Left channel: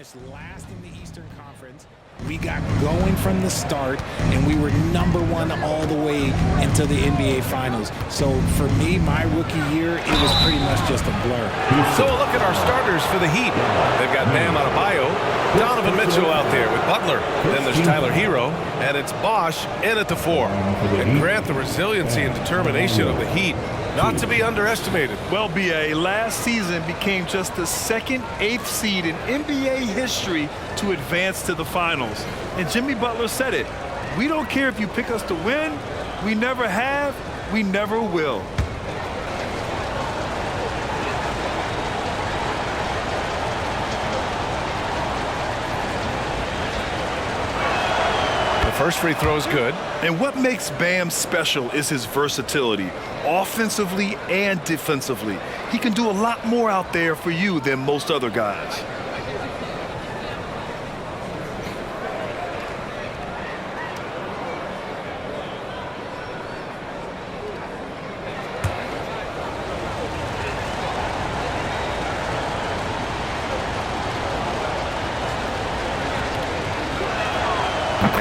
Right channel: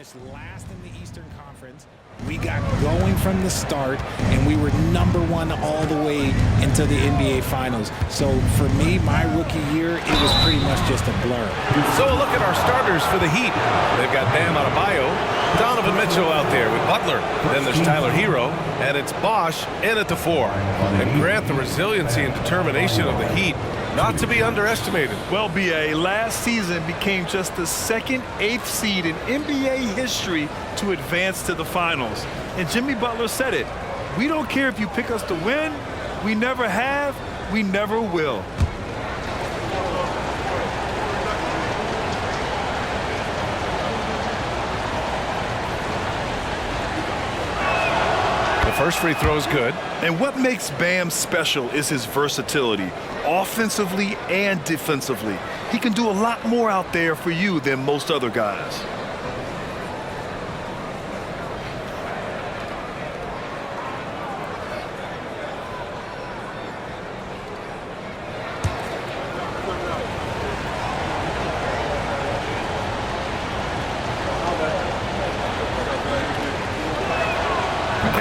finished last in the Eastern Conference. We got going from the start, and we were #1 all the way into the NBA Finals. So for me, my rookie year, it was pretty much just a blur. So a look at our starters for the Heat. They've got Bam Adebayo, Donovan Mitchell out there with Butler. Then there's Tyler Hero, and it's Bosh in at the 4. And Grant, the resiliency and determination of the Heat, not to be underestimated. Well, B.A., last season became just the second 8th seed in NBA history to advance to the finals. And Jimmy Butler said it. We don't care if you pick us to win. We never have. We never will. The first free throw is good. And what makes Bam special is his versatility, offensively and defensively. He can do a lot more out there for you than most other guys.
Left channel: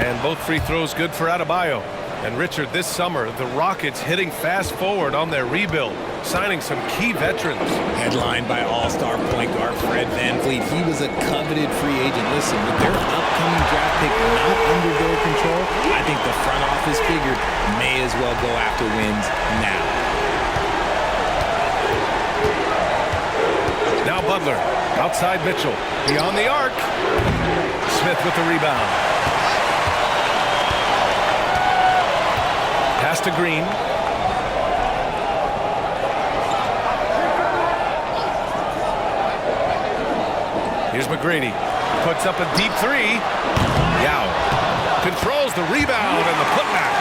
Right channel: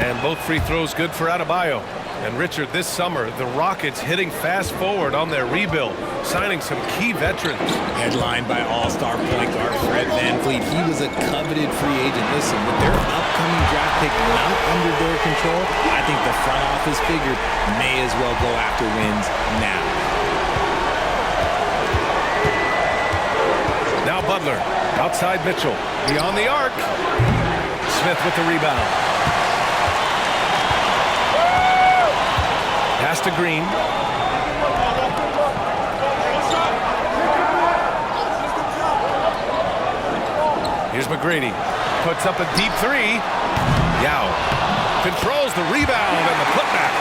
And both free throws good for Adebayo. And Richard, this summer, the Rockets hitting fast forward on their rebuild, signing some key veterans. Headlined by all-star point guard Fred VanVleet. He was a coveted free agent. Listen, with their upcoming draft pick not under their control, I think the front office figured may as well go after wins now. Now Butler, outside Mitchell, beyond the arc. Smith with the rebound. Pass to Green. Here's McGrady. Puts up a deep 3. Yao controls the rebound and the putback.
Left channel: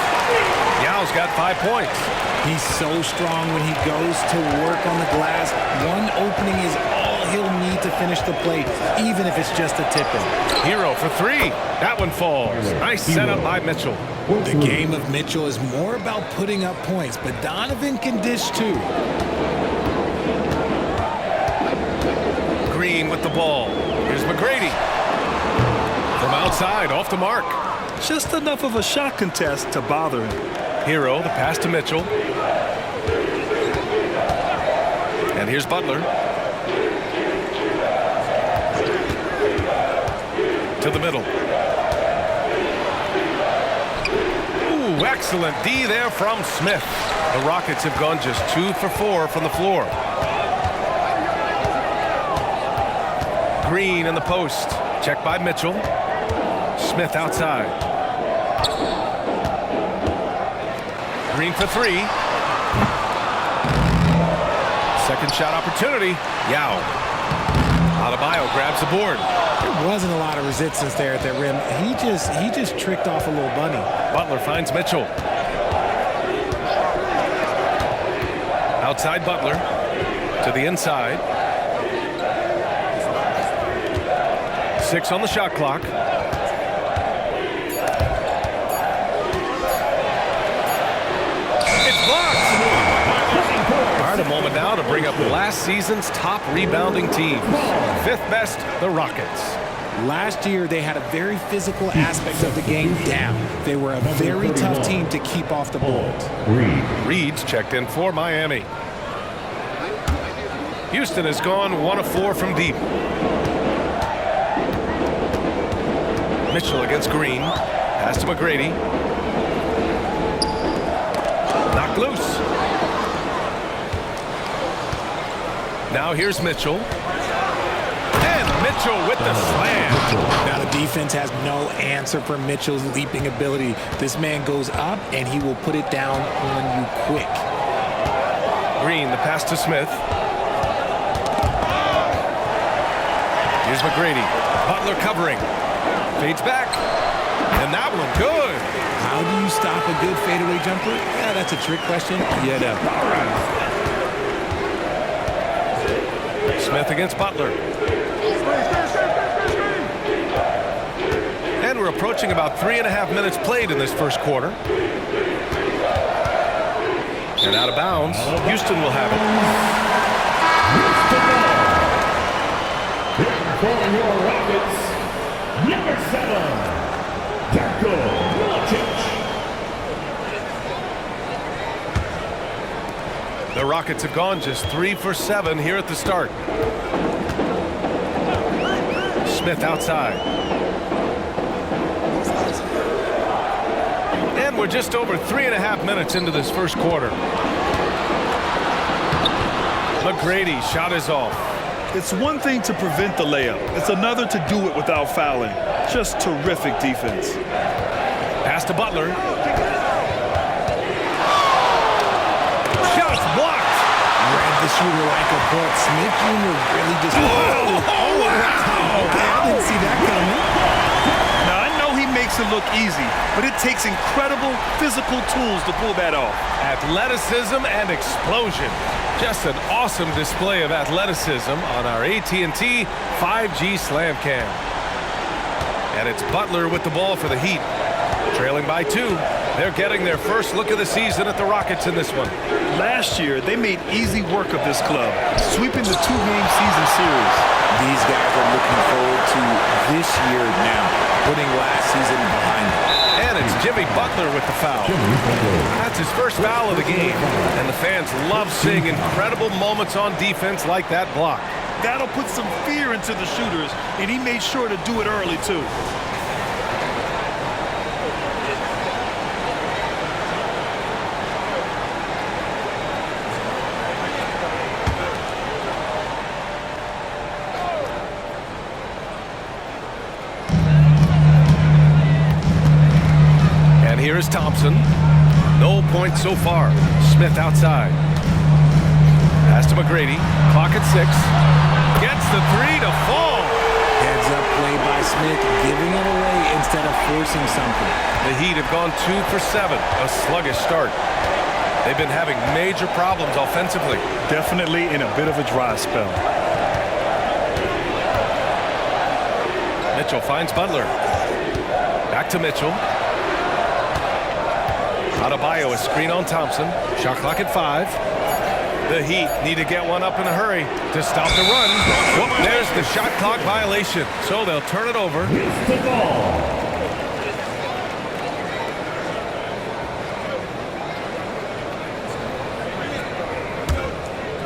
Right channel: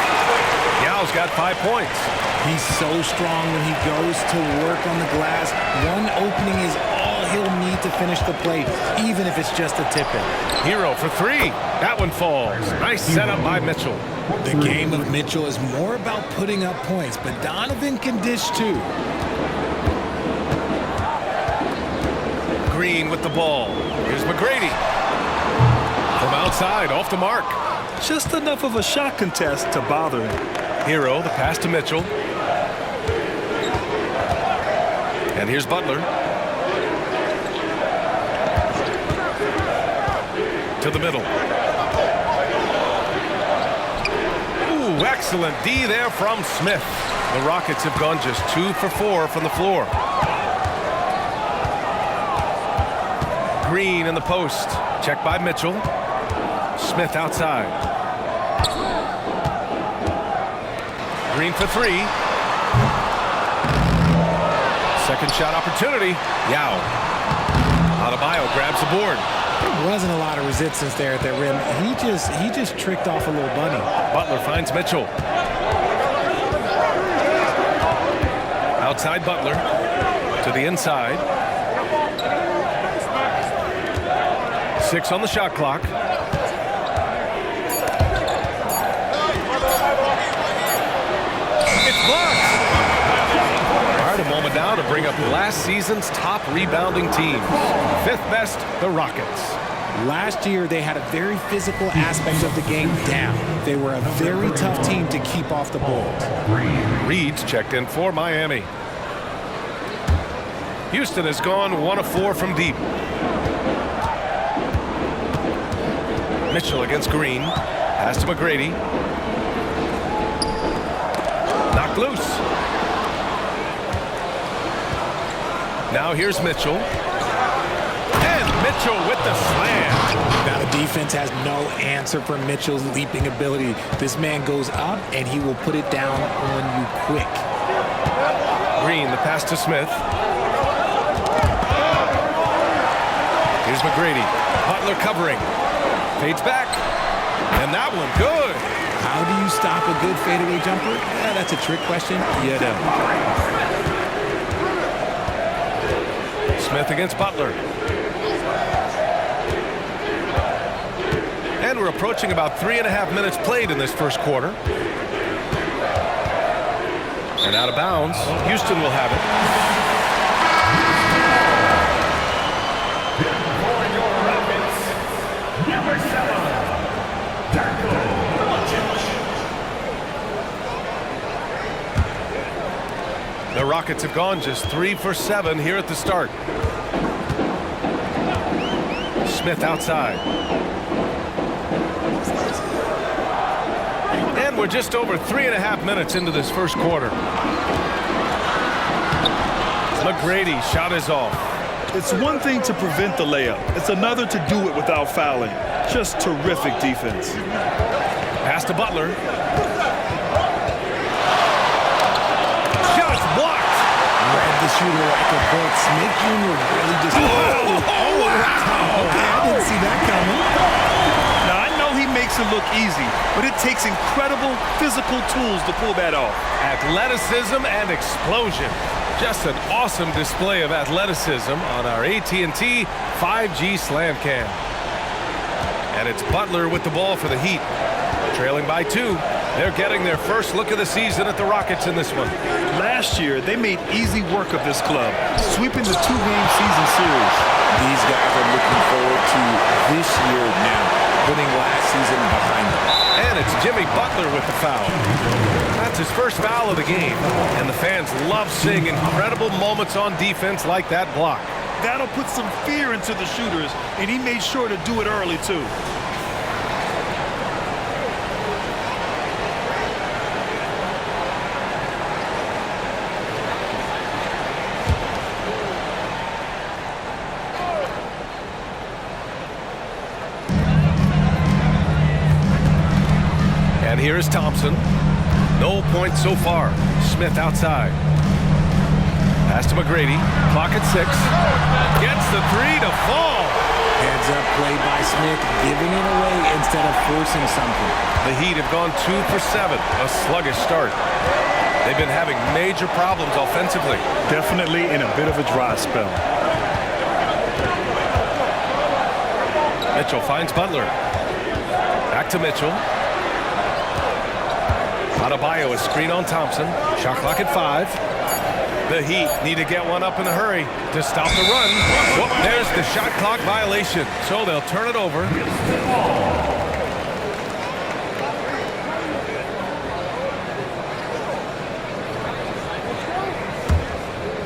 Yao's got 5 points. He's so strong when he goes to work on the glass. One opening is all he'll need to finish the play, even if it's just a tip-in. Hero for 3. That one falls. Nice setup by Mitchell. The game of Mitchell is more about putting up points, but Donovan can dish too. Green with the ball. Here's McGrady. From outside, off the mark. Just enough of a shot contest to bother him. Hero, the pass to Mitchell. And here's Butler. To the middle. Ooh, excellent D there from Smith. The Rockets have gone just 2 for 4 from the floor. Green in the post. Check by Mitchell. Smith outside. Green for 3. Second shot opportunity. Yao. Adebayo grabs the board. There wasn't a lot of resistance there at that rim. He just tricked off a little bunny. Butler finds Mitchell. Outside Butler. To the inside. 6 on the shot clock. It's blocked. All right, a moment now to bring up last season's top rebounding teams. 5th best, the Rockets. Last year, they had a very physical aspect of the game down. They were a very tough team to keep off the boards. Reed's checked in for Miami. Houston has gone 1 of 4 from deep. Mitchell against Green. Pass to McGrady. Knocked loose. Now here's Mitchell. And Mitchell with the slam. Now the defense has no answer for Mitchell's leaping ability. This man goes up and he will put it down on you quick. Green, the pass to Smith. Here's McGrady. Butler covering. Fades back. And that one good. How do you stop a good fadeaway jumper? Yeah, that's a trick question. You know. Smith against Butler. And we're approaching about 3.5 minutes played in this first quarter. And out of bounds. Houston will have it. For your Rockets, Rockets have gone just 3 for 7 here at the start. Smith outside. And we're just over 3.5 minutes into this first quarter. McGrady shot is off. It's one thing to prevent the layup. It's another to do it without fouling. Just terrific defense. Pass to Butler. Shots blocked. Read the shooter like a book. Smith Jr. really just... Oh, wow. Okay, I didn't see that coming. Now, I know he makes it look easy, but it takes incredible physical tools to pull that off. Athleticism and explosion. Just an awesome display of athleticism on our AT&T 5G Slam Cam. And it's Butler with the ball for the Heat. Trailing by 2. They're getting their first look of the season at the Rockets in this one. Last year, they made easy work of this club, sweeping the 2-game season series. These guys are looking forward to this year now, putting last season behind them. And it's Jimmy Butler with the foul. That's his first foul of the game. And the fans love seeing incredible moments on defense like that block. That'll put some fear into the shooters, and he made sure to do it early, too. And here is Thompson. No points so far. Smith outside. Pass to McGrady. Clock at 6. Gets the 3 to fall. Heads up play by Smith, giving it away instead of forcing something. The Heat have gone 2 for 7. A sluggish start. They've been having major problems offensively. Definitely in a bit of a dry spell. Mitchell finds Butler. Back to Mitchell. Adebayo, a screen on Thompson. Shot clock at 5. The Heat need to get one up in a hurry to stop the run. Whoop, there's the shot clock violation. So they'll turn it over.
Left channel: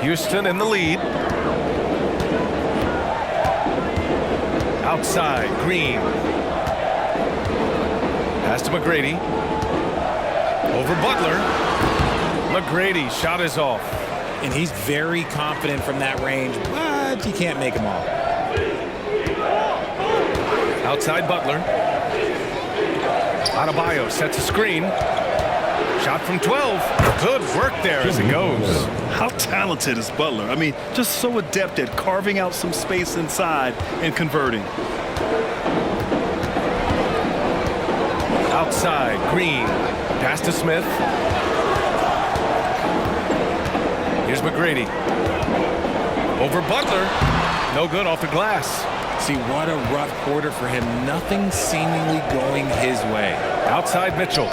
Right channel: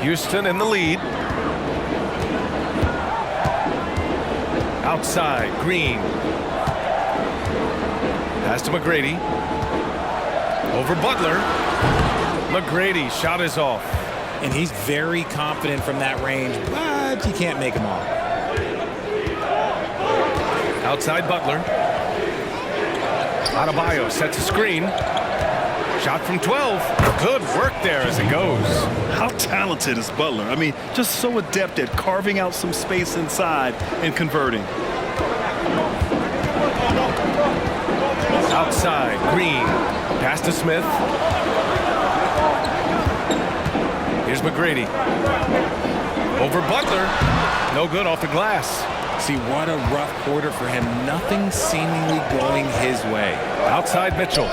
Houston in the lead. Outside, Green. Pass to McGrady. Over Butler. McGrady shot is off. And he's very confident from that range, but you can't make him all. Outside Butler. Adebayo sets a screen. Shot from 12. Good work there as it goes. How talented is Butler? I mean, just so adept at carving out some space inside and converting. Outside, Green. Pass to Smith. Here's McGrady. Over Butler. No good off the glass. See, what a rough quarter for him. Nothing seemingly going his way. Outside Mitchell.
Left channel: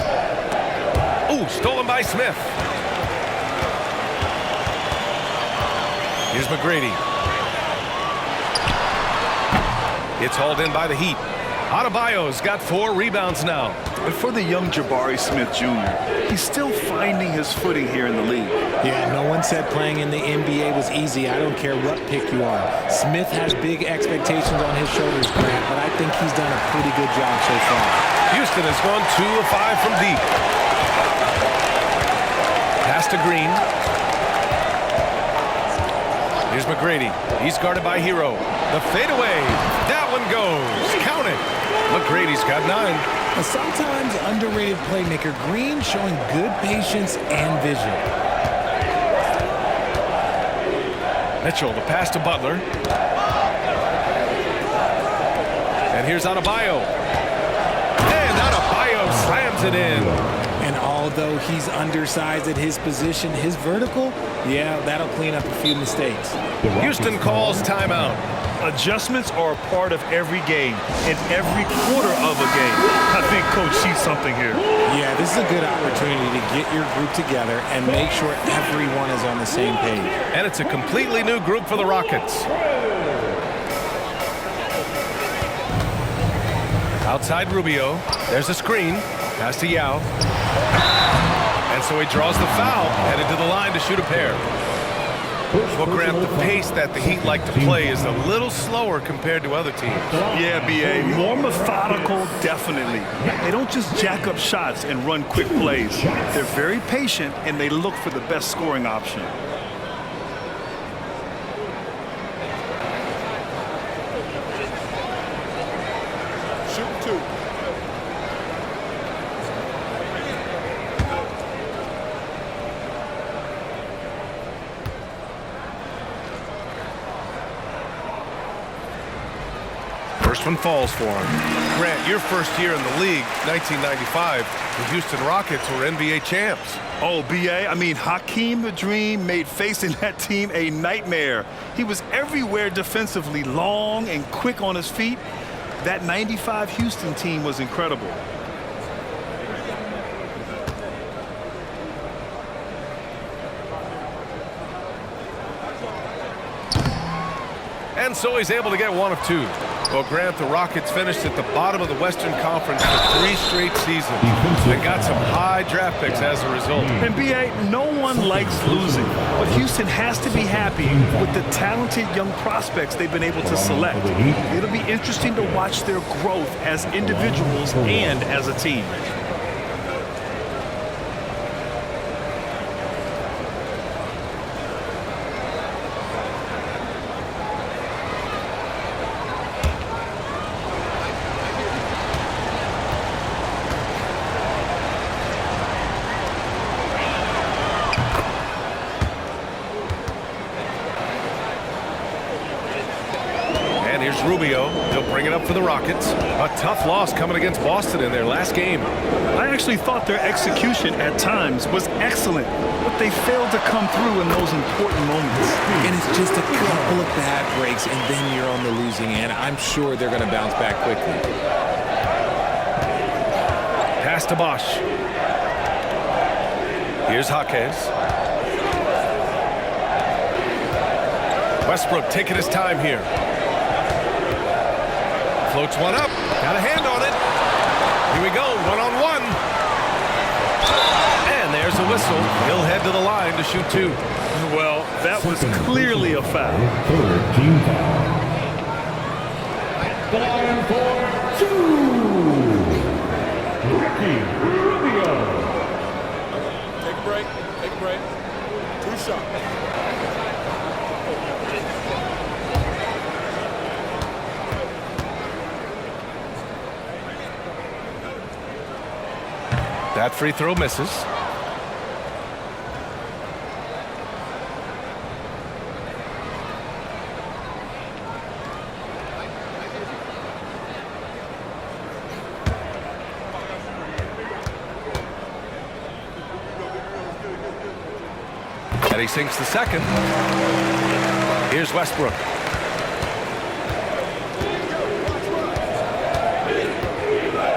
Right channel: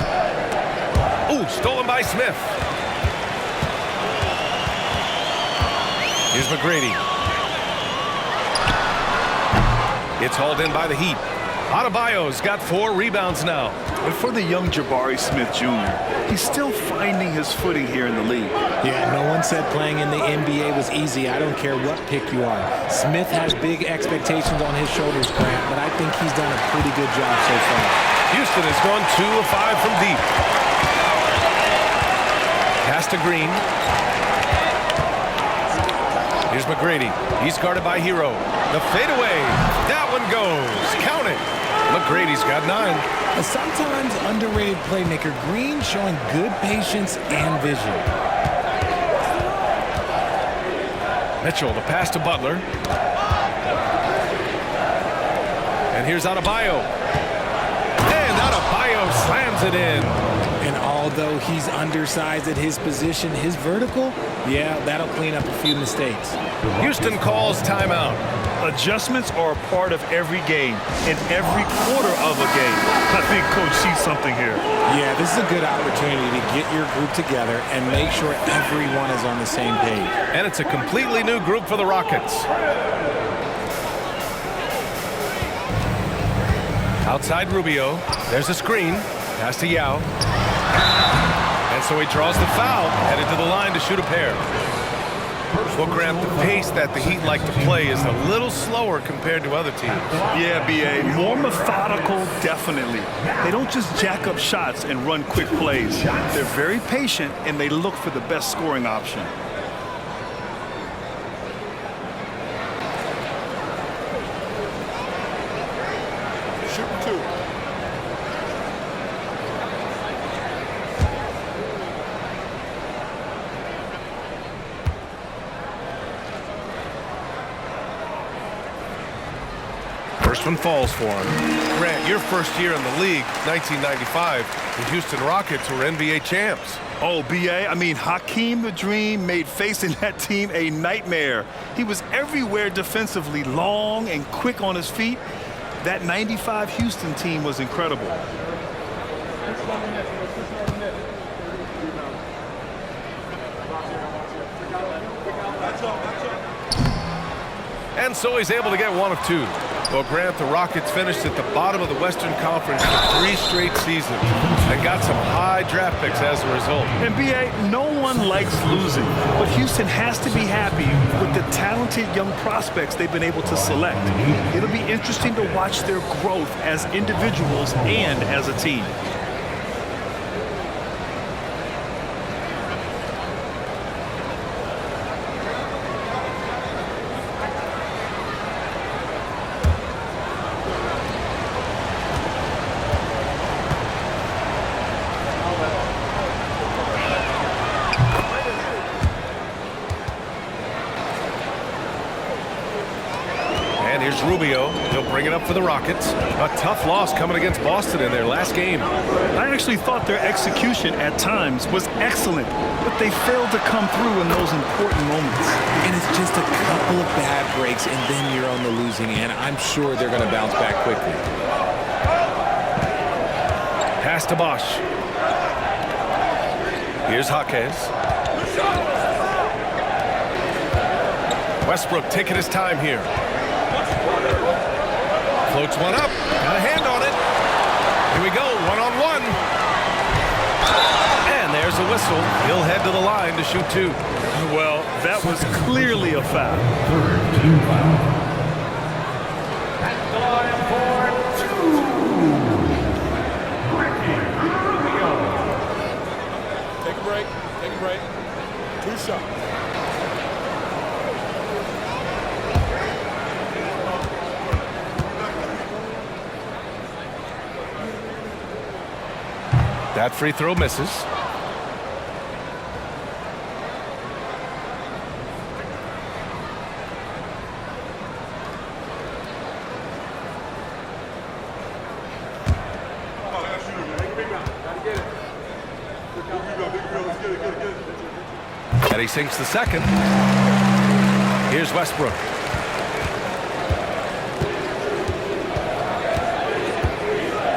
Ooh, stolen by Smith. Here's McGrady. It's hauled in by the Heat. Adebayo's got 4 rebounds now. But for the young Jabari Smith Jr., he's still finding his footing here in the league. Yeah, no one said playing in the NBA was easy. I don't care what pick you are. Smith has big expectations on his shoulders, Grant, but I think he's done a pretty good job so far. Houston has gone 2 of 5 from deep. Pass to Green. Here's McGrady. He's guarded by Hero. The fadeaway. That one goes. Count it. McGrady's got 9. A sometimes underrated playmaker, Green showing good patience and vision. Mitchell, the pass to Butler. And here's Adebayo. And Adebayo slams it in. And although he's undersized at his position, his vertical, yeah, that'll clean up a few mistakes. Houston calls timeout. Adjustments are a part of every game and every quarter of a game. I think Coach sees something here. Yeah, this is a good opportunity to get your group together and make sure everyone is on the same page. And it's a completely new group for the Rockets. Outside Rubio. There's a screen. Pass to Yao. And so he draws the foul, headed to the line to shoot a pair. Well, Grant, the pace that the Heat like to play is a little slower compared to other teams. Yeah, B.A. More methodical, definitely. They don't just jack up shots and run quick plays. They're very patient, and they look for the best scoring option. Shooting 2. First one falls for him. Grant, your first year in the league, 1995, the Houston Rockets were NBA champs. Oh, B.A., I mean, Hakeem the Dream made facing that team a nightmare. He was everywhere defensively, long and quick on his feet. That 95 Houston team was incredible. And so he's able to get one of two. Well, Grant, the Rockets finished at the bottom of the Western Conference for 3 straight seasons and got some high draft picks as a result. And B.A., no one likes losing, but Houston has to be happy with the talented young prospects they've been able to select. It'll be interesting to watch their growth as individuals and as a team. And here's Rubio. He'll bring it up for the Rockets. A tough loss coming against Boston in their last game. I actually thought their execution at times was excellent, but they failed to come through in those important moments. And it's just a couple of bad breaks, and then you're on the losing end. I'm sure they're going to bounce back quickly. Pass to Bosch. Here's Jaquez. Westbrook taking his time here. Floats one up. Got a hand on it. Here we go. One-on-one. And there's a whistle. He'll head to the line to shoot 2. Well, that was clearly a foul. Team foul. At the line for 2. Ricky Rubio. Take a break. Take a break. 2 shots. That free throw misses. And he sinks the second. Here's Westbrook.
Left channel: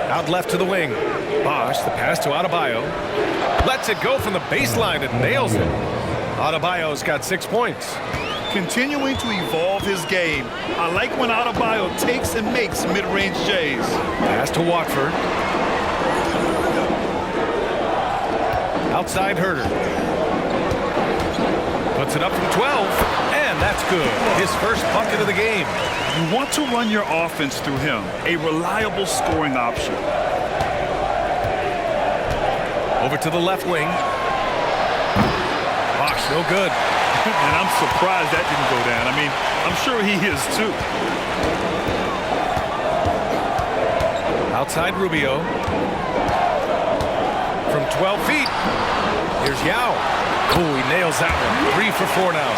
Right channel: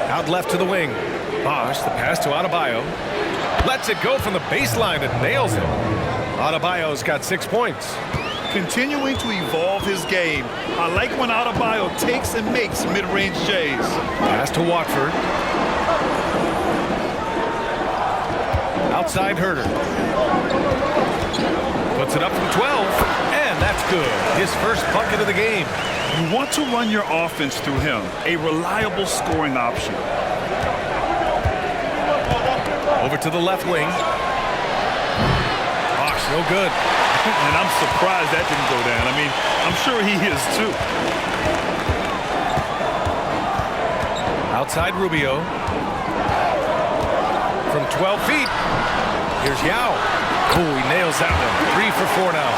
Out left to the wing. Bosch, the pass to Adebayo. Lets it go from the baseline and nails it. Adebayo's got 6 points. Continuing to evolve his game. I like when Adebayo takes and makes mid-range J's. Pass to Watford. Outside Herter. Puts it up from 12, and that's good. His first bucket of the game. You want to run your offense through him, a reliable scoring option. Over to the left wing. Bosch, no good. And I'm surprised that didn't go down. I mean, I'm sure he is too. Outside Rubio. From 12 feet. Here's Yao. Oh, he nails that one. 3 for 4 now.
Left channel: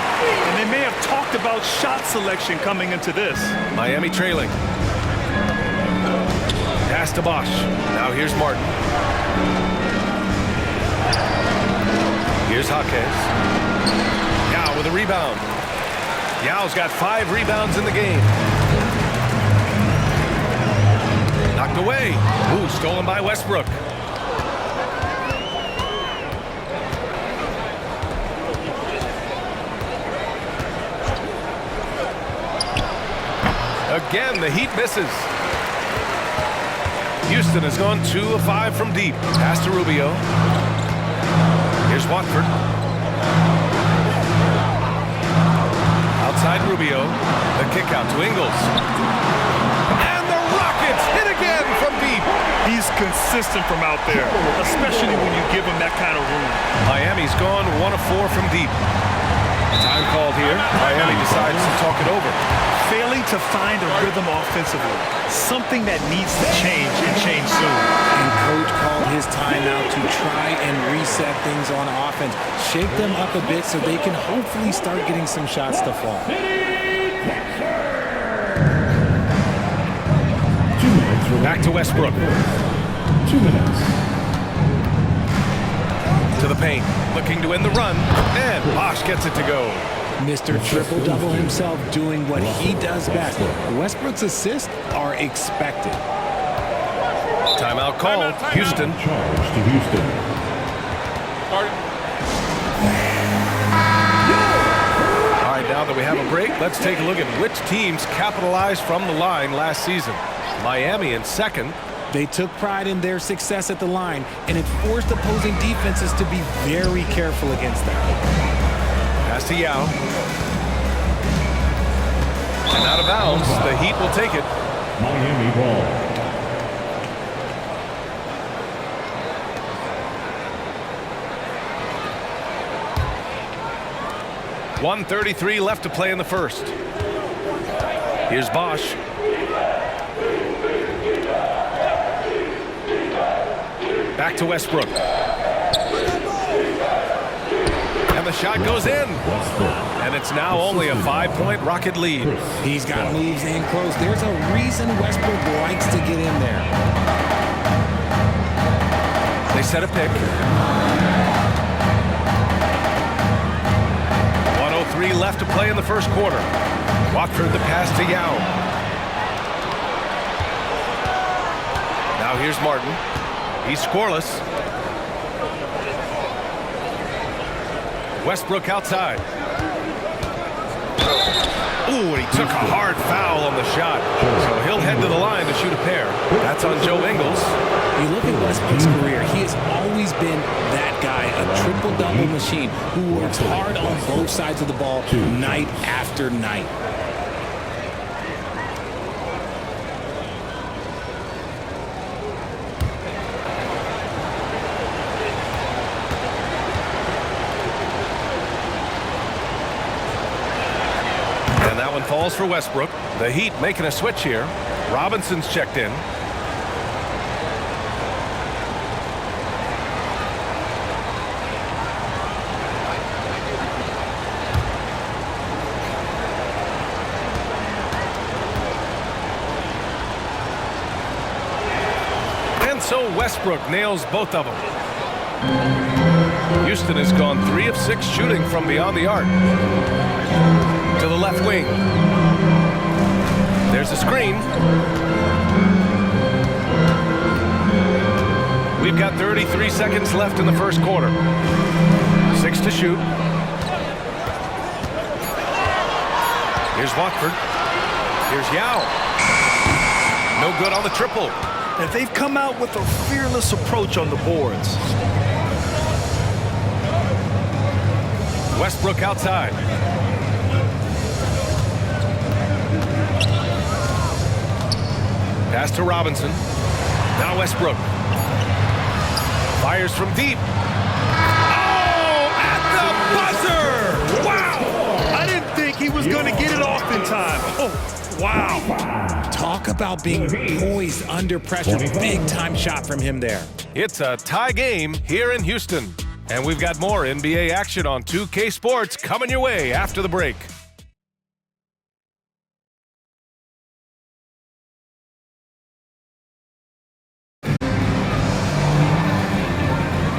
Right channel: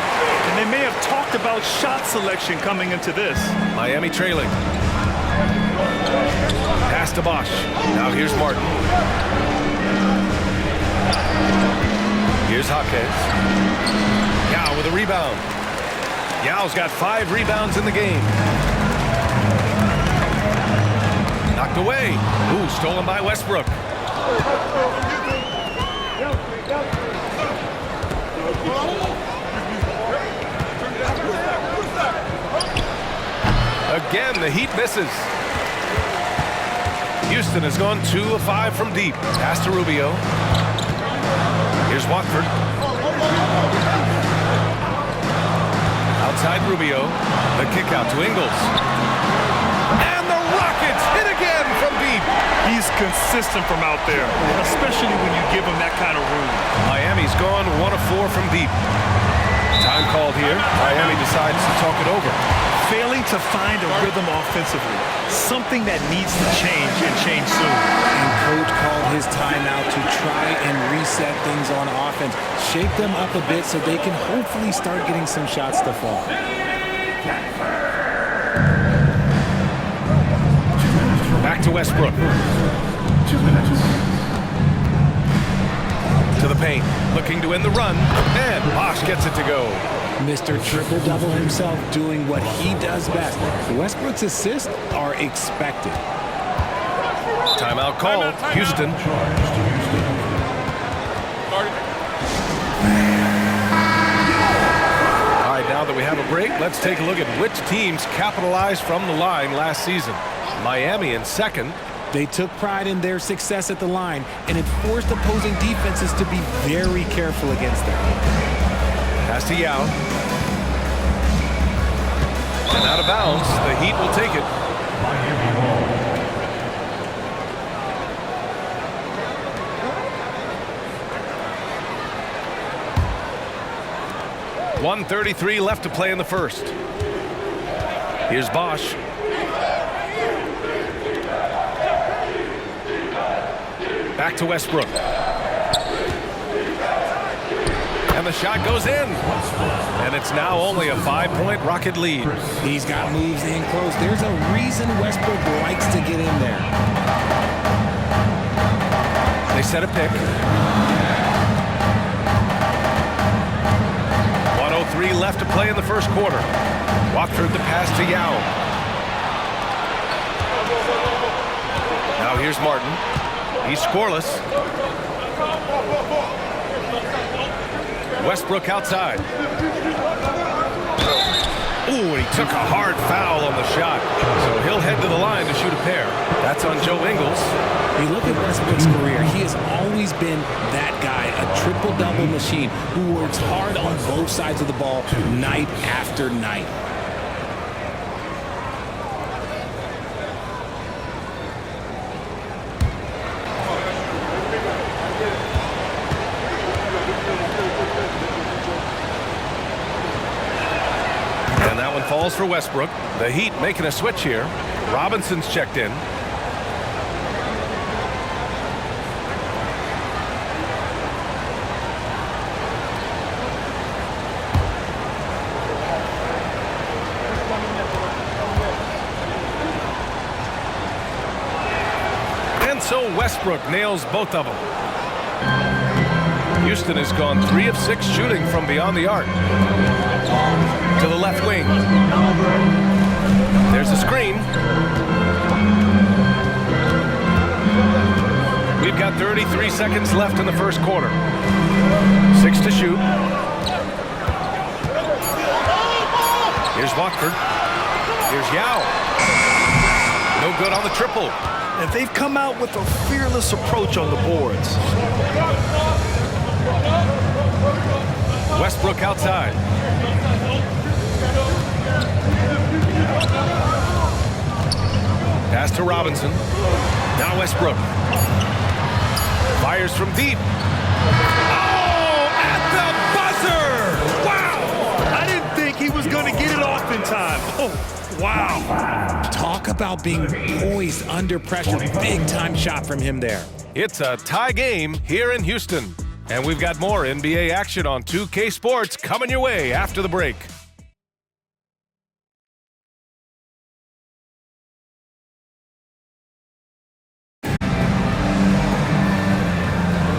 And they may have talked about shot selection coming into this. Miami trailing. Pass to Bosch. Now here's Martin. Here's Jaquez. Yao with a rebound. Yao's got 5 rebounds in the game. Knocked away. Ooh, stolen by Westbrook. Again, the Heat misses. Houston has gone 2 of 5 from deep. Pass to Rubio. Here's Watford. Outside Rubio. The kick out to Ingles. And the Rockets hit again from deep. He's consistent from out there, especially when you give him that kind of room. Miami's gone 1 of 4 from deep. Time called here. Miami decides to talk it over. Failing to find a rhythm offensively. Something that needs to change and change soon. And coach called his timeout to try and reset things on offense. Shake them up a bit so they can hopefully start getting some shots to fall. Back to Westbrook. 2 minutes. To the paint. Looking to end the run. And Bosch gets it to go. Mr. Triple-Double himself doing what he does best. Westbrook's assists are expected. Timeout called. Timeout. Houston. Charge to Houston. All right, now that we have a break, let's take a look at which teams capitalized from the line last season. Miami in second. They took pride in their success at the line, and it forced opposing defenses to be very careful against them. Pass to Yao. And out of bounds. The Heat will take it. Miami ball. .133 left to play in the first. Here's Bosch. Back to Westbrook. And the shot goes in. And it's now only a 5-point Rocket lead. He's got moves in close. There's a reason Westbrook likes to get in there. They set a pick. 1:03 left to play in the first quarter. Watford the pass to Yao. Now here's Martin. He's scoreless. Westbrook outside. Ooh, and he took a hard foul on the shot. So he'll head to the line to shoot a pair. That's on Joe Ingles. You look at Westbrook's career, he has always been that guy, a triple-double machine who works hard on both sides of the ball night after night. And that one falls for Westbrook. The Heat making a switch here. Robinson's checked in. And so Westbrook nails both of them. Houston has gone 3 of 6 shooting from beyond the arc. To the left wing. There's a screen. We've got 33 seconds left in the first quarter. 6 to shoot. Here's Watford. Here's Yao. No good on the triple. And they've come out with a fearless approach on the boards. Westbrook outside. Pass to Robinson. Now Westbrook. Fires from deep. Oh, at the buzzer! Wow! I didn't think he was going to get it off in time. Oh, wow. Talk about being poised under pressure. Big-time shot from him there. It's a tie game here in Houston. And we've got more NBA action on 2K Sports coming your way after the break.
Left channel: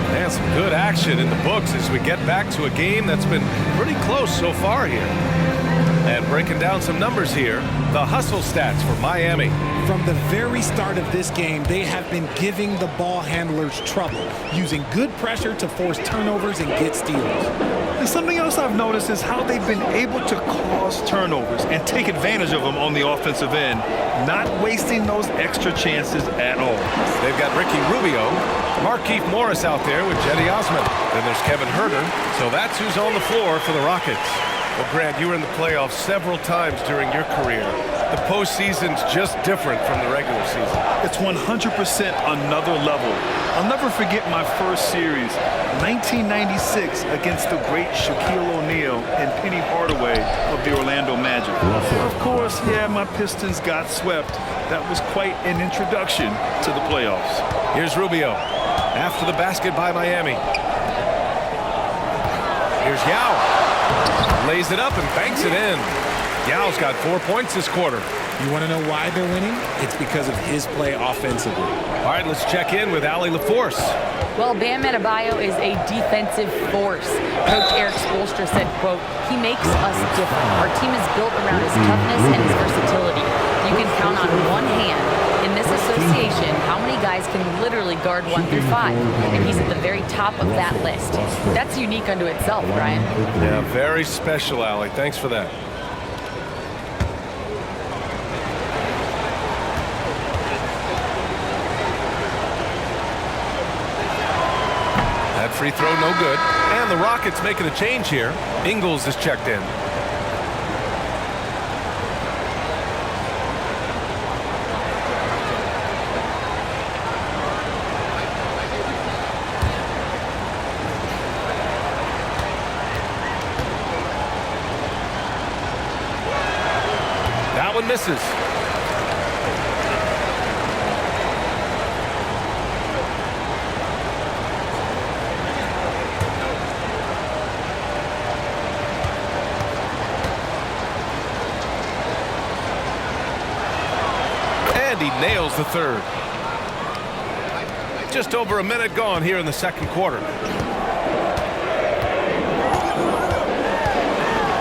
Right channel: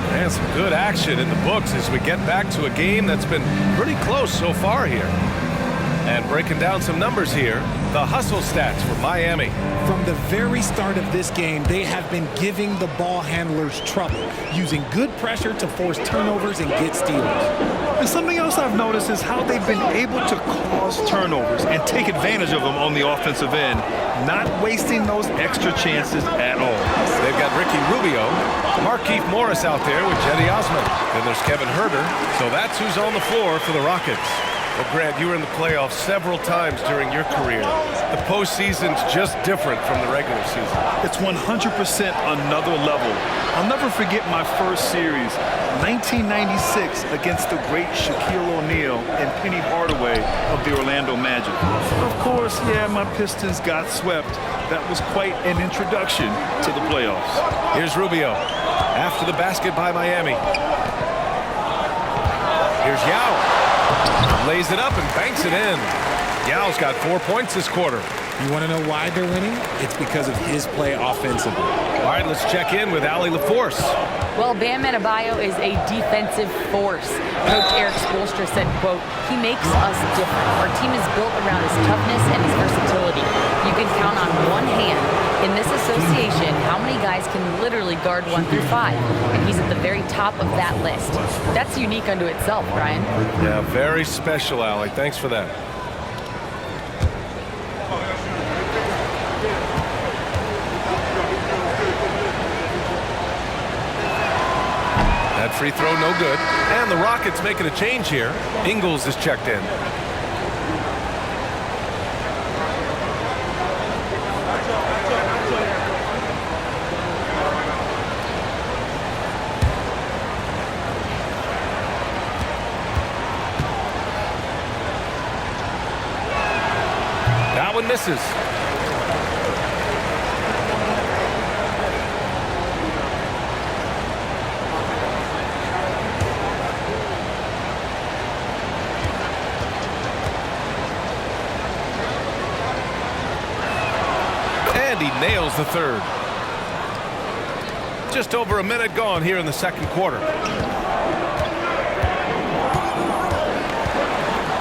And some good action in the books as we get back to a game that's been pretty close so far here. And breaking down some numbers here, the hustle stats for Miami. From the very start of this game, they have been giving the ball handlers trouble, using good pressure to force turnovers and get steals. And something else I've noticed is how they've been able to cause turnovers and take advantage of them on the offensive end, not wasting those extra chances at all. They've got Ricky Rubio, Markieff Morris out there with Jetty Osman. Then there's Kevin Huerter. So that's who's on the floor for the Rockets. Well, Grant, you were in the playoffs several times during your career. The postseason's just different from the regular season. It's 100% another level. I'll never forget my first series, 1996, against the great Shaquille O'Neal and Penny Hardaway of the Orlando Magic. Of course, yeah, my Pistons got swept. That was quite an introduction to the playoffs. Here's Rubio after the basket by Miami. Here's Yao. Lays it up and banks it in. Yao's got 4 points this quarter. You want to know why they're winning? It's because of his play offensively. All right, let's check in with Allie LaForce. Well, Bam Adebayo is a defensive force. Coach Eric Spoelstra said, quote, "He makes us different. Our team is built around his toughness and his versatility. You can count on one hand in this association how many guys can literally guard 1 through 5, and he's at the very top of that list. That's unique unto itself, Brian." Yeah, very special, Allie. Thanks for that. That free throw no good. And the Rockets making a change here. Ingles is checked in. That one misses. And he nails the third. Just over a minute gone here in the second quarter.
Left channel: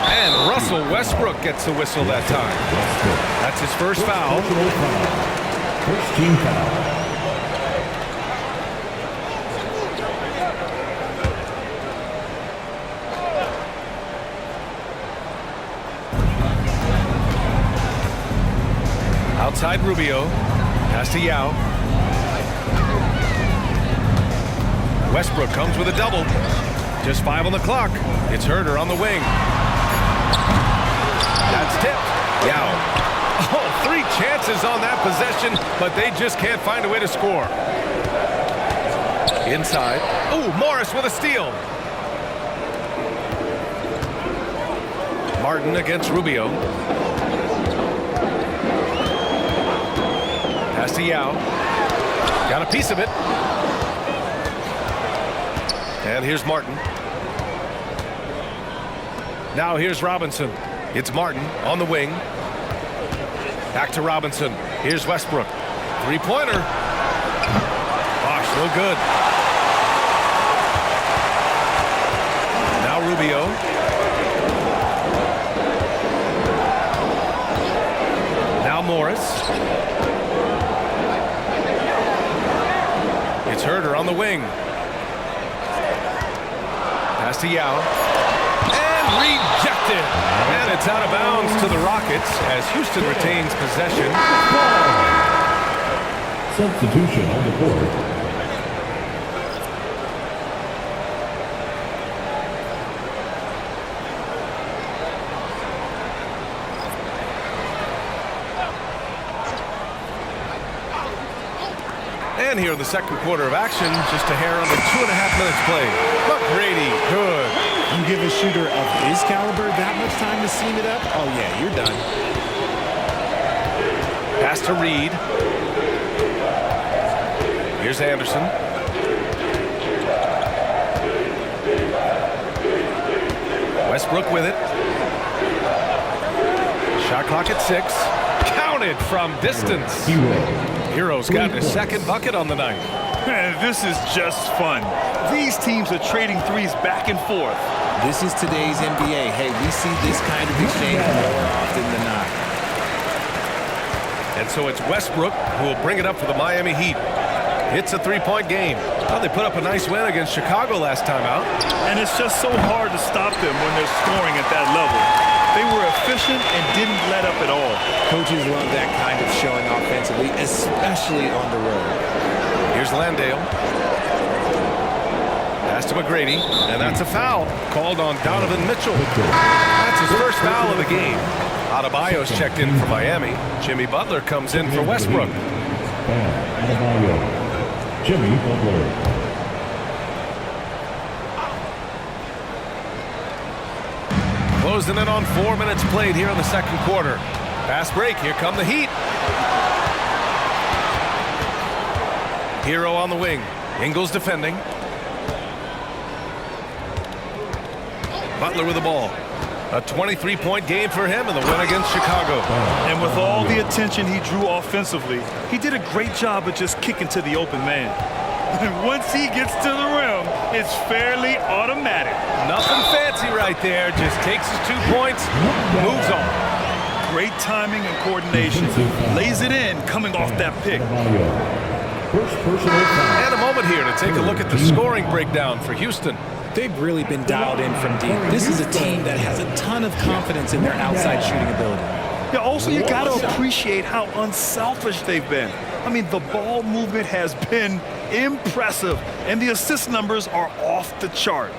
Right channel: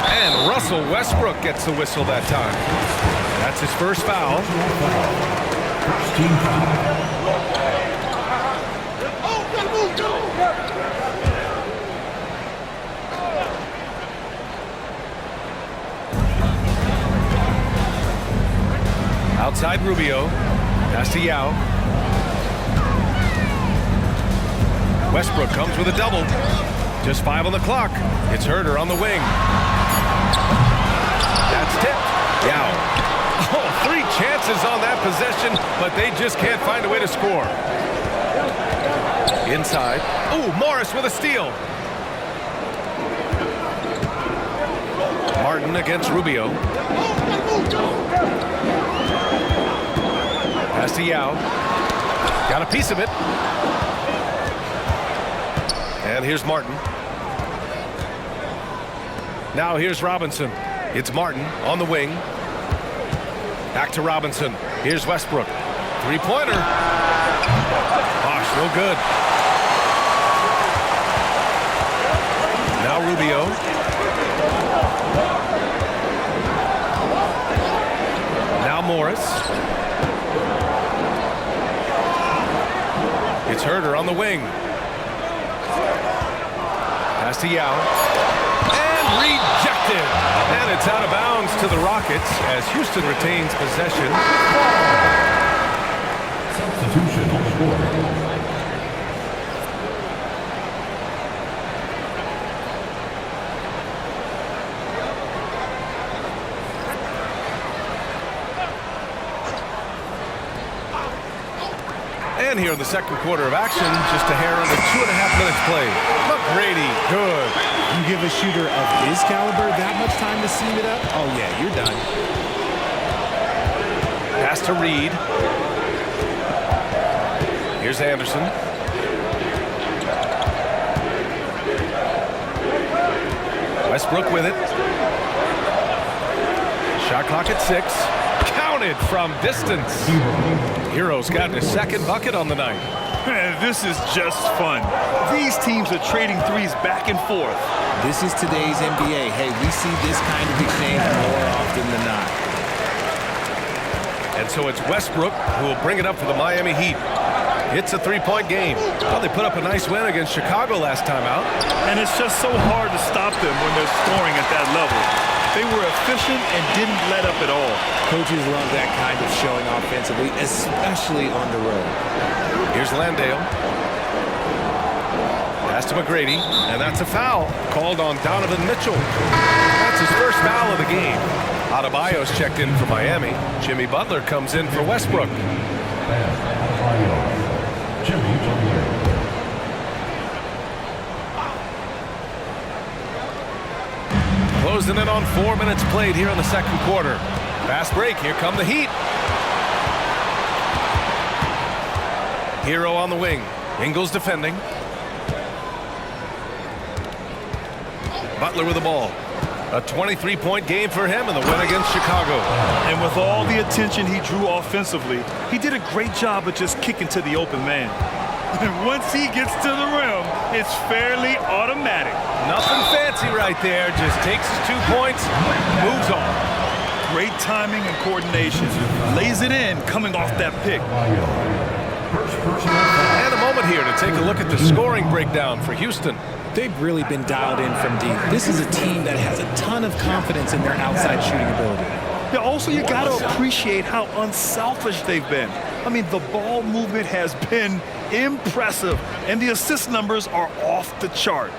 And Russell Westbrook gets the whistle that time. That's his first foul. First team foul. Outside Rubio. Pass to Yao. Westbrook comes with a double. Just 5 on the clock. It's Herter on the wing. That's tipped. Yao. Oh, 3 chances on that possession, but they just can't find a way to score. Inside. Ooh, Morris with a steal. Martin against Rubio. Pass to Yao. Got a piece of it. And here's Martin. Now here's Robinson. It's Martin on the wing. Back to Robinson. Here's Westbrook. 3-pointer. Bosh, no good. Now Rubio. Now Morris. It's Herter on the wing. Pass to Yao. And rejected. And it's out of bounds to the Rockets as Houston retains possession. Substitution on the court. And here in the second quarter of action, just a hair under 2.5 minutes played. McGrady, good. You give a shooter of his caliber that much time to seam it up? Oh, yeah, you're done. Pass to Reed. Here's Anderson. Westbrook with it. Shot clock at 6. Counted from distance. Hero's gotten his second bucket on the night. Man, this is just fun. These teams are trading threes back and forth. This is today's NBA. Hey, we see this kind of exchange more often than not. And so it's Westbrook who will bring it up for the Miami Heat. It's a 3-point game. Well, they put up a nice win against Chicago last time out. And it's just so hard to stop them when they're scoring at that level. They were efficient and didn't let up at all. Coaches love that kind of showing offensively, especially on the road. Here's Landale. Pass to McGrady, and that's a foul called on Donovan Mitchell. That's his first foul of the game. Adebayo's checked in for Miami. Jimmy Butler comes in for Westbrook. Adebayo. Jimmy Butler. Closing in on 4 minutes played here in the second quarter. Fast break. Here come the Heat. Hero on the wing. Ingles defending. Butler with the ball. A 23-point game for him in the win against Chicago. And with all the attention he drew offensively, he did a great job of just kicking to the open man. And once he gets to the rim, it's fairly automatic. Nothing fancy right there. Just takes his 2 points, moves on. Great timing and coordination. Lays it in coming off that pick. First personal foul. And a moment here to take a look at the scoring breakdown for Houston. They've really been dialed in from deep. This is a team that has a ton of confidence in their outside shooting ability. Yeah, also, you got to appreciate how unselfish they've been. I mean, the ball movement has been impressive, and the assist numbers are off the chart.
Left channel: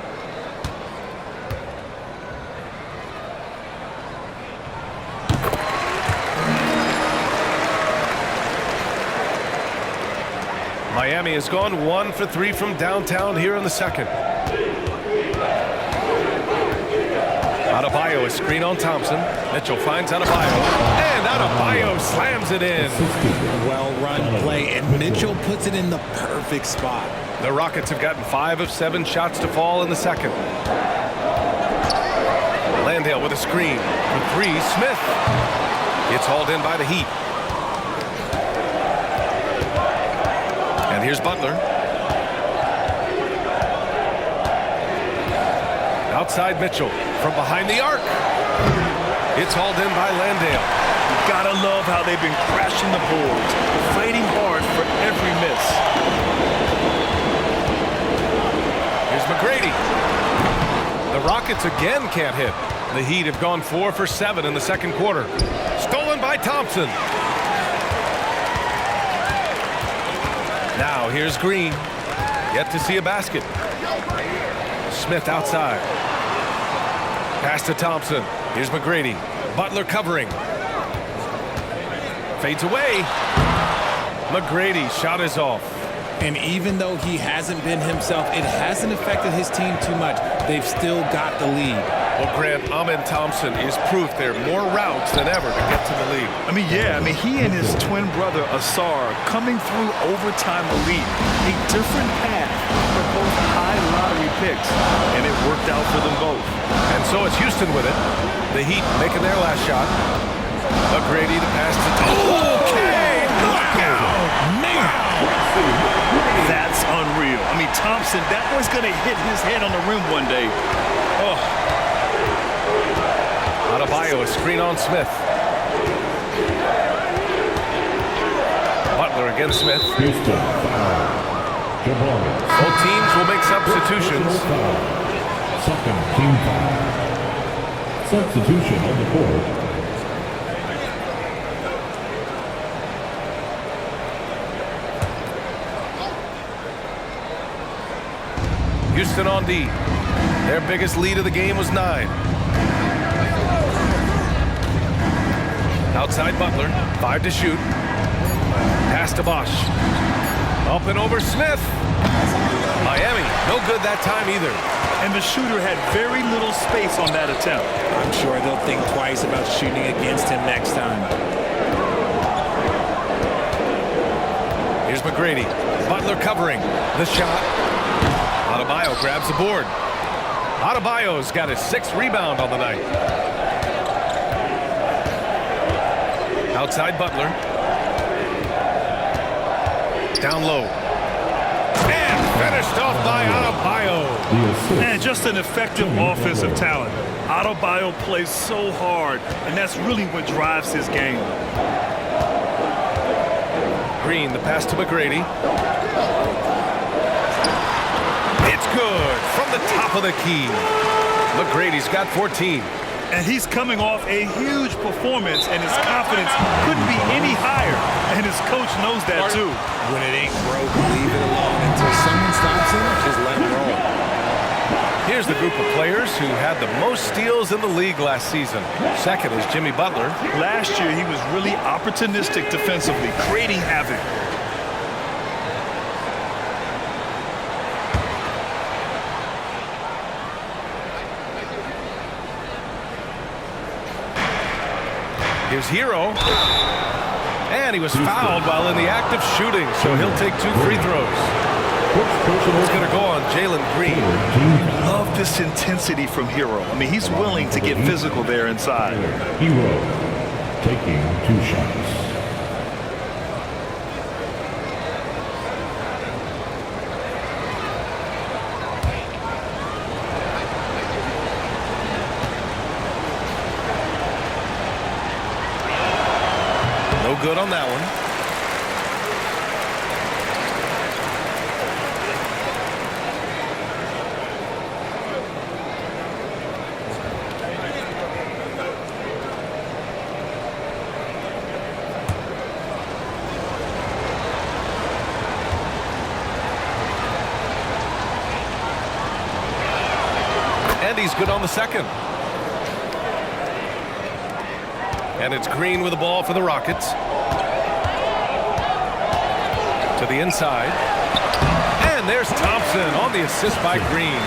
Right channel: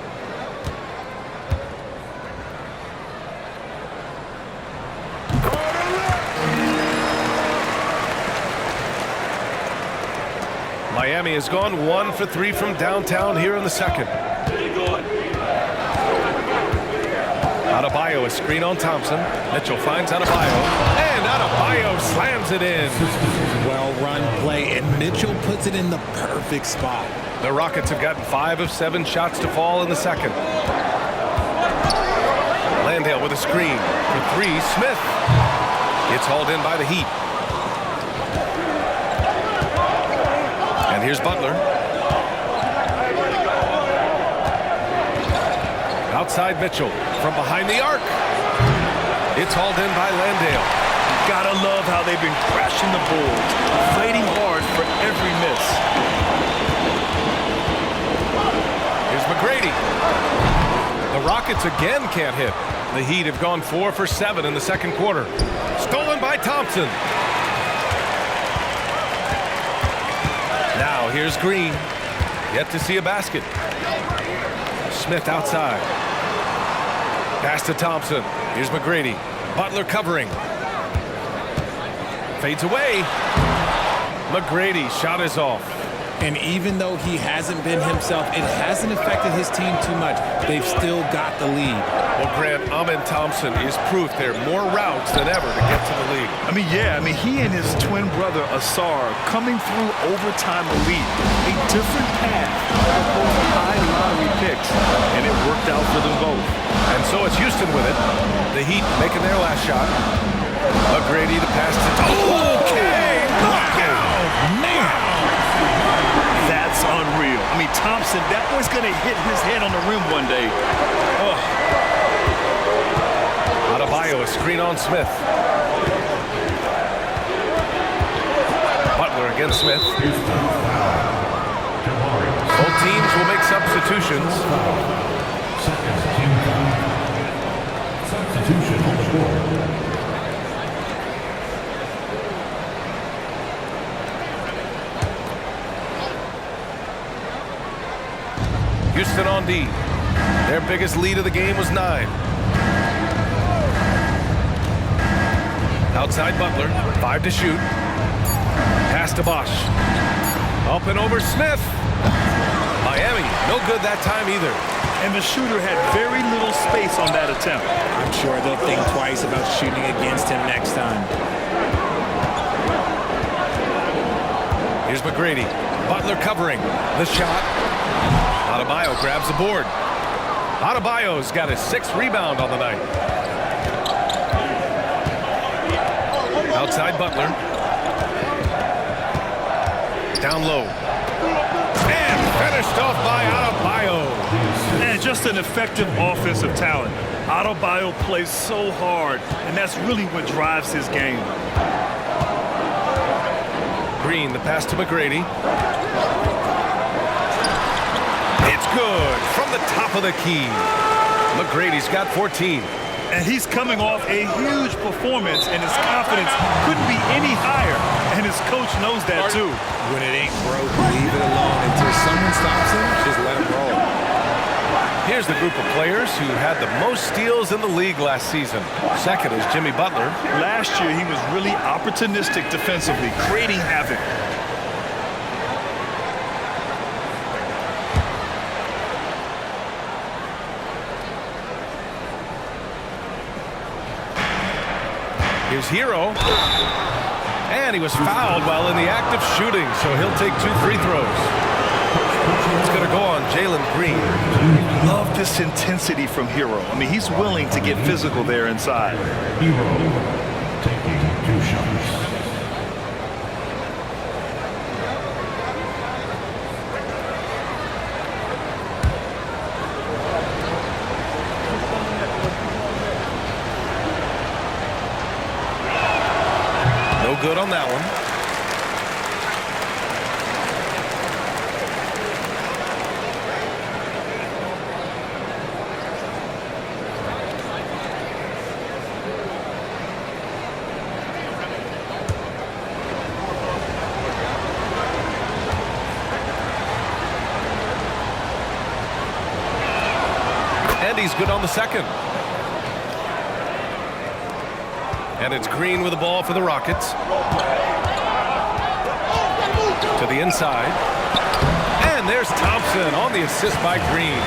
Miami has gone 1 for 3 from downtown here in the second. Adebayo, a screen on Thompson. Mitchell finds Adebayo, and Adebayo slams it in. Well-run play, and Mitchell puts it in the perfect spot. The Rockets have gotten 5 of 7 shots to fall in the second. Landale with a screen for 3. Smith gets hauled in by the Heat. And here's Butler. Outside Mitchell from behind the arc. It's hauled in by Landale. You gotta love how they've been crashing the boards, fighting hard for every miss. Here's McGrady. The Rockets again can't hit. The Heat have gone 4 for 7 in the second quarter. Stolen by Thompson. Now here's Green. Yet to see a basket. Smith outside. Pass to Thompson. Here's McGrady. Butler covering. Fades away. McGrady shot is off. And even though he hasn't been himself, it hasn't affected his team too much. They've still got the lead. Well, Grant, Amen Thompson is proof there are more routes than ever to get to the lead. He and his twin brother Asar coming through overtime elite. A different path for both high lottery picks, and it worked out for them both. And so it's Houston with it. The Heat making their last shot. McGrady to pass to Thompson. Okay, knockout! Man! Wow. That's unreal. Thompson, that boy's gonna hit his head on the rim one day. Oh. Adebayo, a screen on Smith. Butler against Smith. Houston foul. Jabari. Both teams will make substitutions. Second team foul. Substitution on the court. Houston on D. Their biggest lead of the game was 9. Outside Butler, 5 to shoot. Pass to Bosch. Up and over Smith. Miami, no good that time either. And the shooter had very little space on that attempt. I'm sure they'll think twice about shooting against him next time. Here's McGrady. Butler covering. The shot. Adebayo grabs the board. Adebayo's got his 6th rebound on the night. Outside Butler. Down low. And finished off by Adebayo. And just an effective offensive talent. Adebayo plays so hard, and that's really what drives his game. Green, the pass to McGrady. It's good from the top of the key. McGrady's got 14. And he's coming off a huge performance, and his confidence couldn't be any higher. And his coach knows that too. When it ain't broke, leave it alone until someone stops him. Just let him roll. Here's the group of players who had the most steals in the league last season. Second is Jimmy Butler. Last year, he was really opportunistic defensively, creating havoc. Here's Hero. And he was fouled while in the act of shooting, so he'll take 2 free throws. It's going to go on Jalen Green. Love this intensity from Hero. I mean, he's willing to get physical there inside. Hero taking 2 shots. No good on that one. And he's good on the second. And it's Green with the ball for the Rockets. To the inside. And there's Thompson on the assist by Green.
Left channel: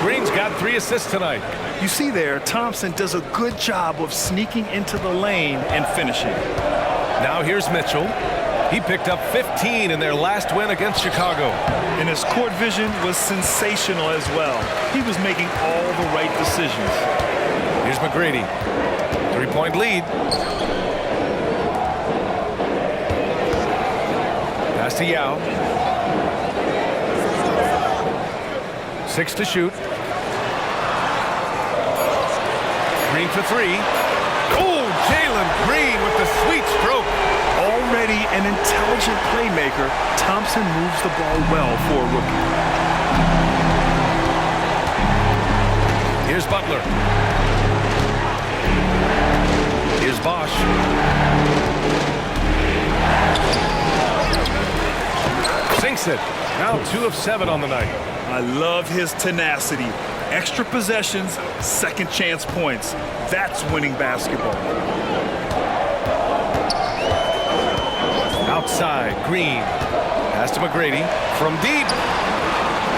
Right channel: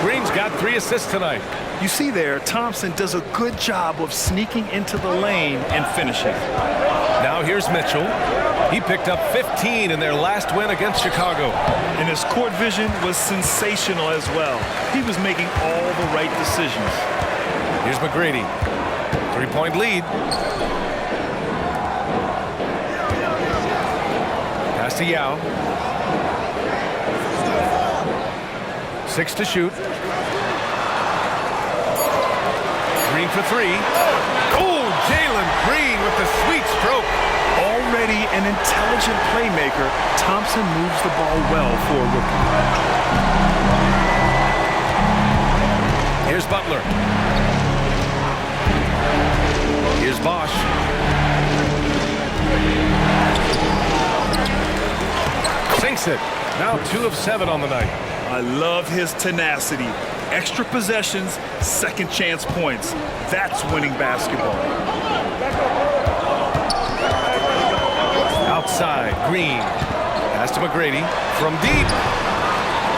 Green's got 3 assists tonight. You see there, Thompson does a good job of sneaking into the lane and finishing. Now here's Mitchell. He picked up 15 in their last win against Chicago. And his court vision was sensational as well. He was making all the right decisions. Here's McGrady. 3-point lead. Pass to Yao. 6 to shoot. Green for 3. Oh, Jalen Green with the sweet stroke. Already an intelligent playmaker, Thompson moves the ball well for a rookie. Here's Butler. Here's Bosch. Sinks it. Now 2 of 7 on the night. I love his tenacity. Extra possessions, second chance points. That's winning basketball. Outside, Green. Pass to McGrady from deep.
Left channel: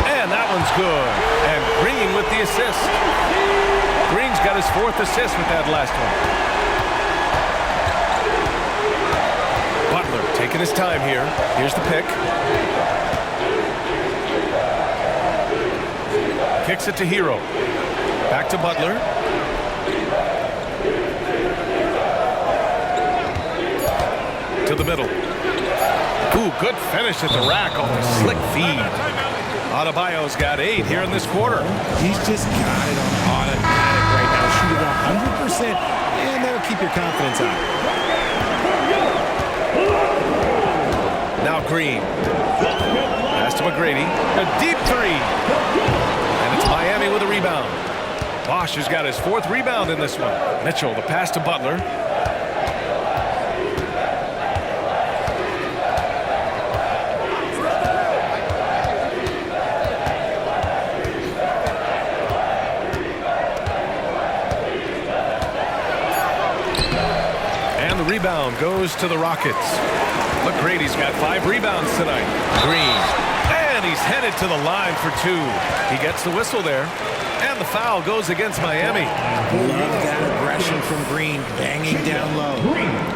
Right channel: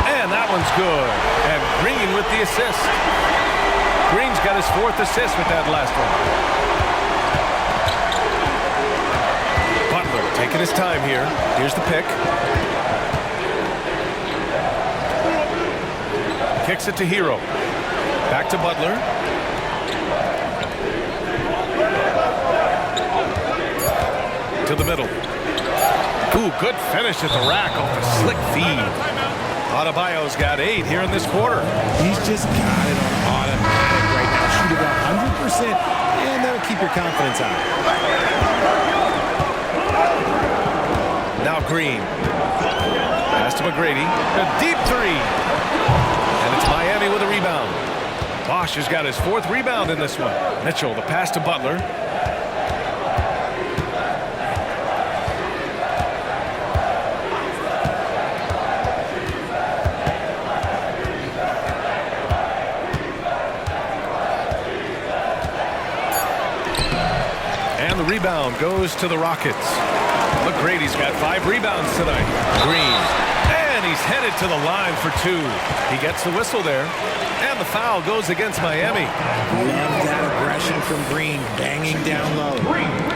And that one's good. And Green with the assist. Green's got his 4th assist with that last one. Butler taking his time here. Here's the pick. Kicks it to Hero. Back to Butler. To the middle. Ooh, good finish at the rack off the slick feed. Adebayo's got 8 here in this quarter. He's just got it on automatic right now, shooting 100%, and that'll keep your confidence high. Now Green. Pass to McGrady. A deep 3. And it's Miami with a rebound. Bosch has got his 4th rebound in this one. Mitchell, the pass to Butler. And the rebound goes to the Rockets. McGrady's got 5 rebounds tonight. Green. And he's headed to the line for 2. He gets the whistle there. And the foul goes against Miami. Love that aggression from Green, banging down low.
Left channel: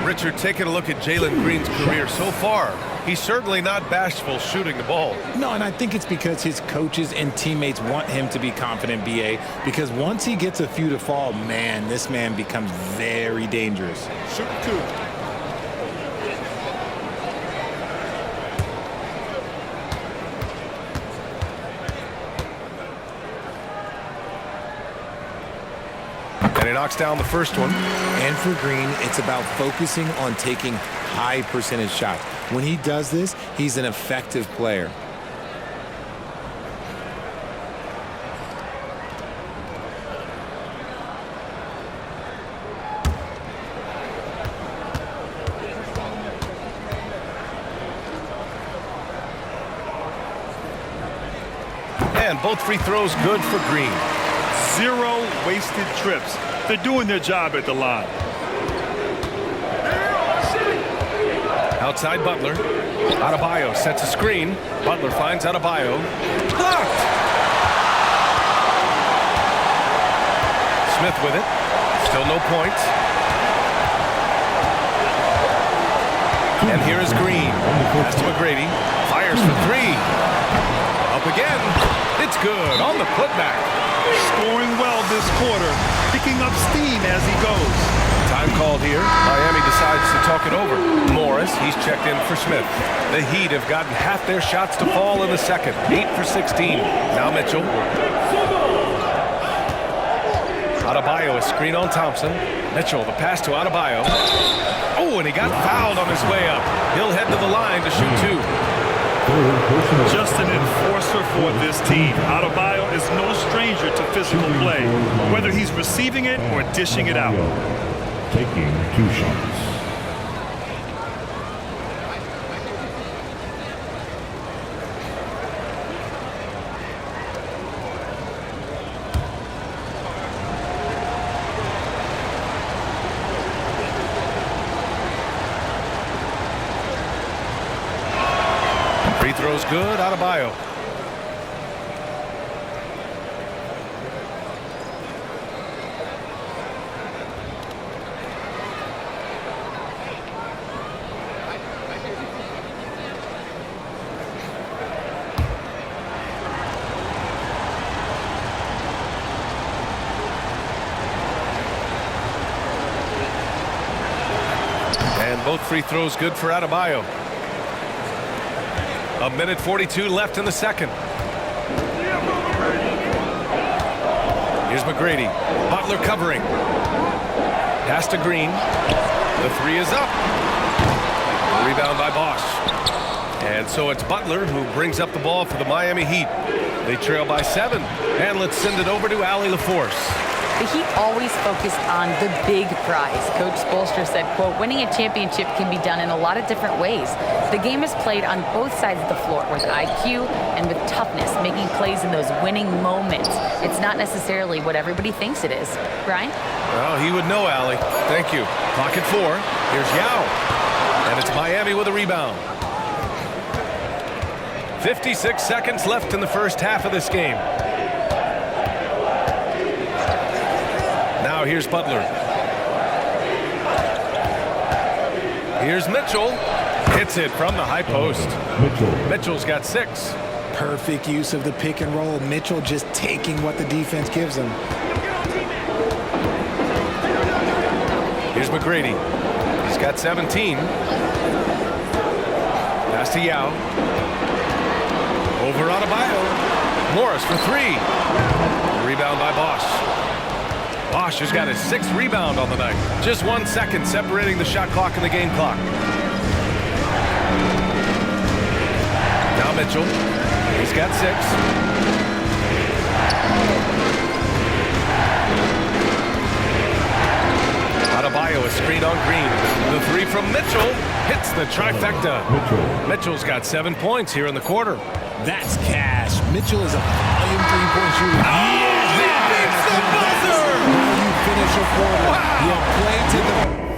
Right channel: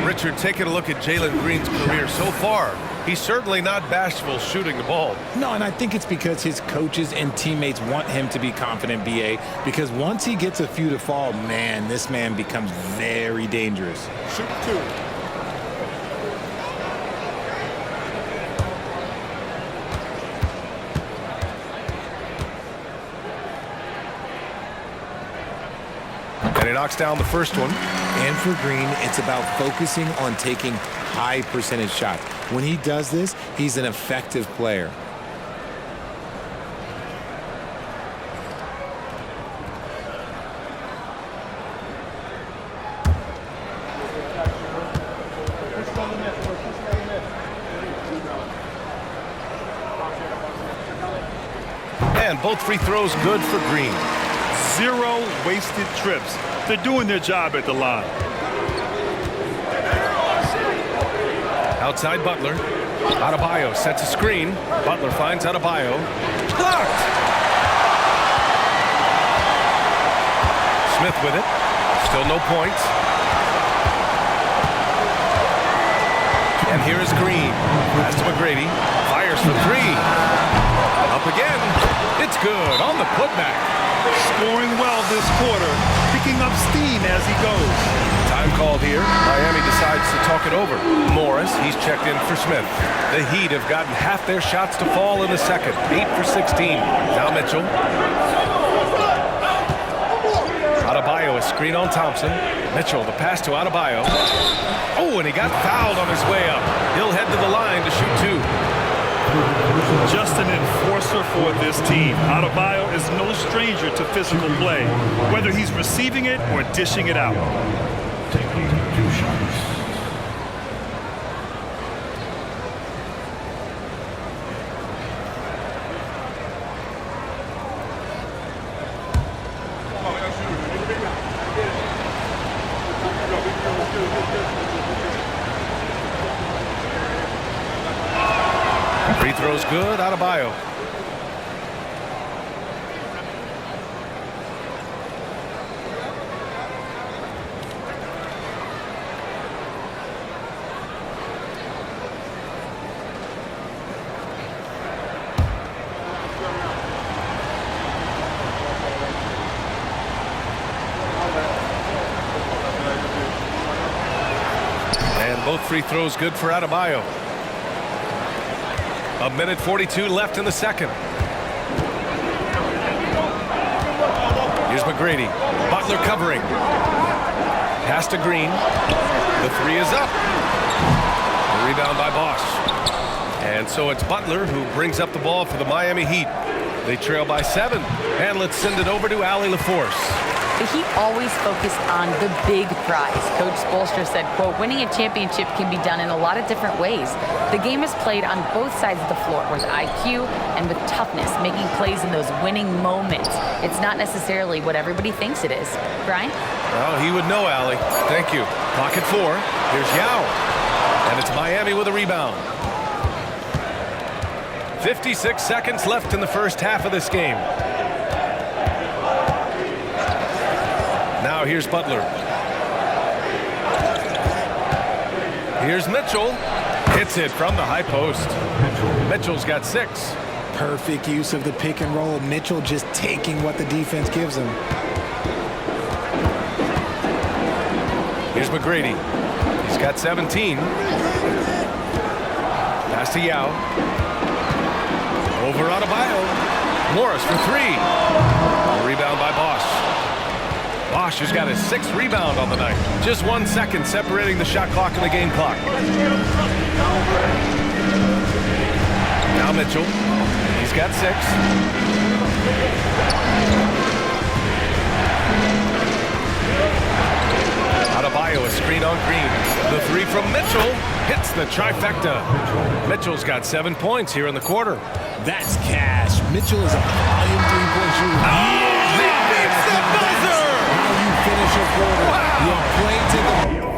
Richard, taking a look at Jalen Green's career so far, he's certainly not bashful shooting the ball. No, and I think it's because his coaches and teammates want him to be confident, BA, because once he gets a few to fall, man, this man becomes very dangerous. Shoot 2. And he knocks down the first one. And for Green, it's about focusing on taking high percentage shots. When he does this, he's an effective player. And both free throws good for Green. 0 wasted trips. They're doing their job at the line. Outside Butler. Adebayo sets a screen. Butler finds Adebayo. Blocked! Smith with it. Still no points. And here is Green. Pass to McGrady. Fires for 3. Up again. It's good on the putback. Scoring well this quarter, picking up steam as he goes. Time called here. Miami decides to talk it over. Morris, he's checked in for Smith. The Heat have gotten half their shots to fall in the second. 8 for 16. Now Mitchell. Adebayo, a screen on Thompson. Mitchell, the pass to Adebayo. Oh, and he got fouled on his way up. He'll head to the line to shoot 2. Just an enforcer for this team. Adebayo is no stranger to physical play, whether he's receiving it or dishing it out. Taking 2 shots. Free throws good. Adebayo. And both free throws good for Adebayo. 1:42 left in the second. Here's McGrady. Butler covering. Pass to Green. The 3 is up. The rebound by Bosch. And so it's Butler who brings up the ball for the Miami Heat. They trail by 7. And let's send it over to Allie LaForce. The Heat always focused on the big prize. Coach Spoelstra said, quote, winning a championship can be done in a lot of different ways. The game is played on both sides of the floor with IQ and with toughness, making plays in those winning moments. It's not necessarily what everybody thinks it is. Brian? Well, he would know, Allie. Thank you. Clock at 4. Here's Yao. And it's Miami with a rebound. 56 seconds left in the first half of this game. Now here's Butler. Here's Mitchell. Hits it from the high post. Mitchell's got 6. Perfect use of the pick and roll. Mitchell just taking what the defense gives him. Here's McGrady. He's got 17. Pass to Yao. Over Adebayo. Morris for 3. Rebound by Bosch. Bosch has got his 6th rebound on the night. Just 1 second separating the shot clock and the game clock. Now Mitchell. He's got 6. Adebayo, a screen on Green. The 3 from Mitchell hits the trifecta. Mitchell's got 7 points here in the quarter. That's cash. Mitchell is a volume 3-point shooter. He beats the buzzer! How you finish a quarter. Wow. You play to the...